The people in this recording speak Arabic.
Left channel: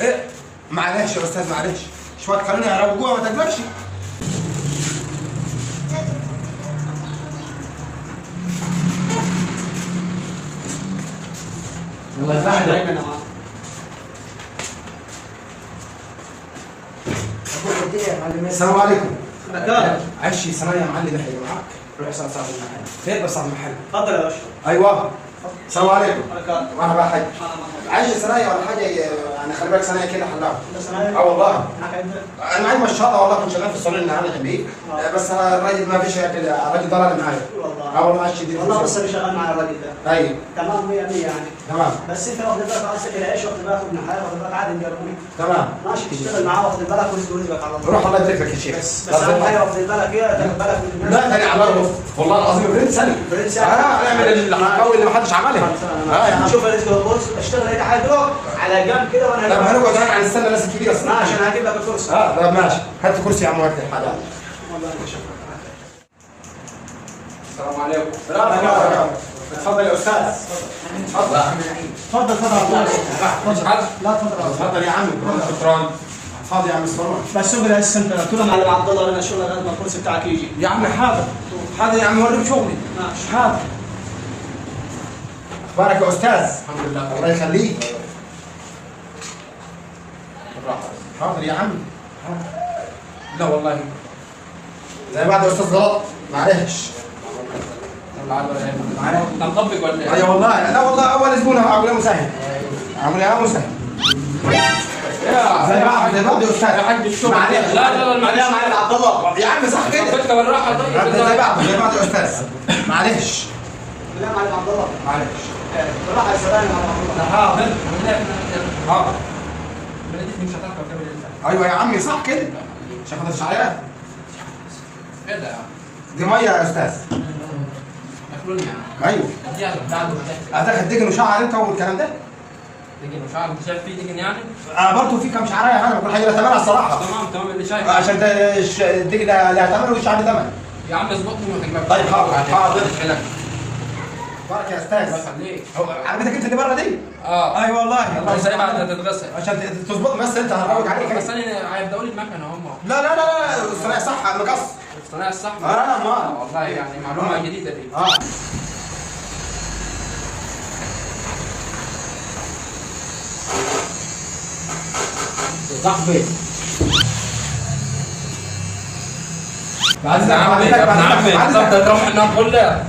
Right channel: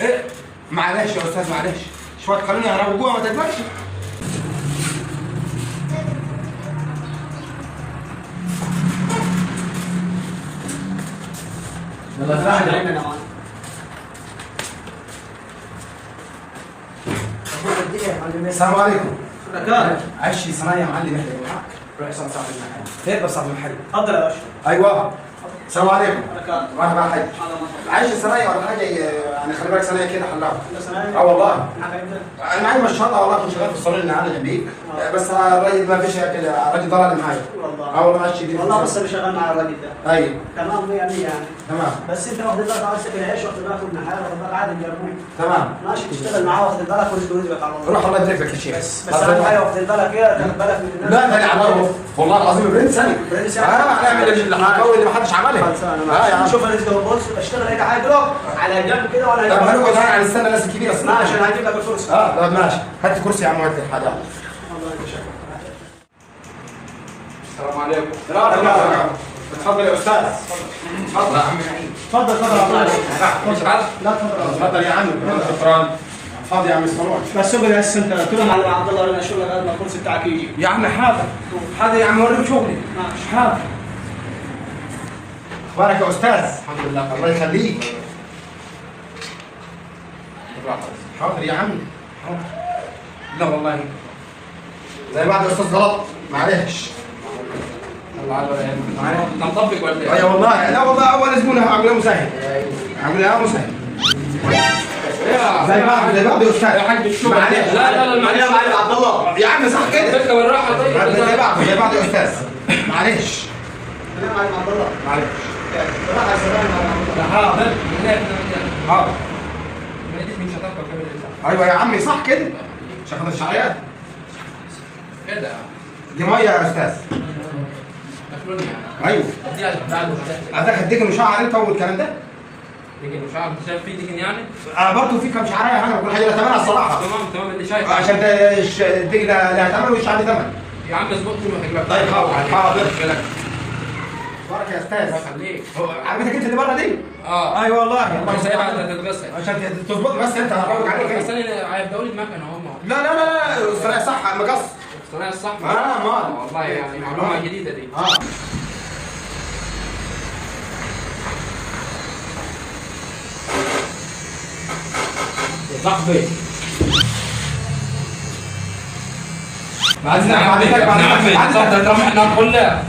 ايه معلش يا استاذ معلش شويه خلوني يروجوها ما تكبرش. يلا زعل السلام عليكم. مكان عشي صنايع معلم يحيى معاك. روح صار صاحب المحل. خير بس صاحب المحل. تفضل يا باشا. ايوه السلام عليكم. مكان مرحبا حاج. عايش صنايع ولا حاجه يعني خلي بالك صنايع كده حلاوه. صنايع؟ اه والله. معاك انت؟ انا معي ما شاء الله والله كنت شغال في الصالون اللي انا جنبي بس الراجل ما فيش كده الراجل ضل معايا. والله. اه والله ماشي دي. والله بس اللي شغال مع الراجل ده. ايوه. تمام 100 100 يعني. تمام. بس انت واخد بالك على سكه العيش واخد بالك من الحياه واخد بالك عادي نجربه. تمام. ماشي تشتغل معاه واخد بالك ورزق رزقك على الله. روح الله يبارك لك يا شيخ. بس اهم حاجه واخد بالك ايه تاخد بالك من الناس. لا لا على الله والله العظيم برنس ثاني. برنس هنعمل الحكاوي اللي ما حدش عملها. يعني شوف الرزق بص اشتغل اي حاجه دلوقتي على جنب كده وانا طب هنقعد هنا هنستنى الناس الكبيره ما عشان هجيب لك الفرصه. طب ماشي هات كرسي يا عم هات حاجه. السلام عليكم. اتفضل يا استاذ. اتفضل يا عم نعيم. تفضل تفضل مش عارف. لا تفضل اتفضل يا عم. شكرا. اتفضل يا عم الصالون. بس اقعد هسه انت تقول مع عبد الله انا شغلك قبل ما الكرسي بتاعك يجي. يا عم حاضر. حاضر يا عم وريك شغلي. ماشي حاضر. اخبارك يا استاذ؟ الحمد لله. الله يخليك. بالراحة. حاضر يا عم. حاضر. لا والله زي بعض يا استاذ غلط معلش. انت مطبق ولا ايه؟ اي والله لا والله اول زبون اعمل مسهل. اعمل ايه مسهل. زي بعض يا استاذ. يا حاج بالشغل. معلش. لا لا لا معلش. معلش عبد الله. يا عم صح كده. فكرة بالراحة. زي بعض يا استاذ. معلش. كلام على عبد الله. معلش. راح السلام على حاضر. حاضر. من شطارتك وكمل الإنسان. ايوه يا عمي صح كده. شغل الشعيات. ايه ده؟ دي ميه يا استاذ. مخلوني يعني. ايوه. اديها بتاعته. هتاخد دقن وشعر انت والكلام ده؟ دقن وشعر انت شايف فيه دقن يعني؟ برضه في كم شعرايه انا بقول حاجه لها ثمنها الصراحه. تمام اللي شايف. عشان الدقن لها ثمن والشعر ثمن. يا عم اظبطني وما تقلقش. طيب حاضر. مشكلة. بارك يا الله استاذ. يخليك. عربيتك انت اللي بره دي؟ اه. اي والله. الله يسيبها انت تتغسل. عشان تظبط بس انت هروج عليك. بس انا هيبداوا لي المكنه هم. لا لا لا لا الصناعه صح مقص. الصناعه الصح. ما والله يعني معلومه جديده دي. صاحبي بعد عمك احنا نقول له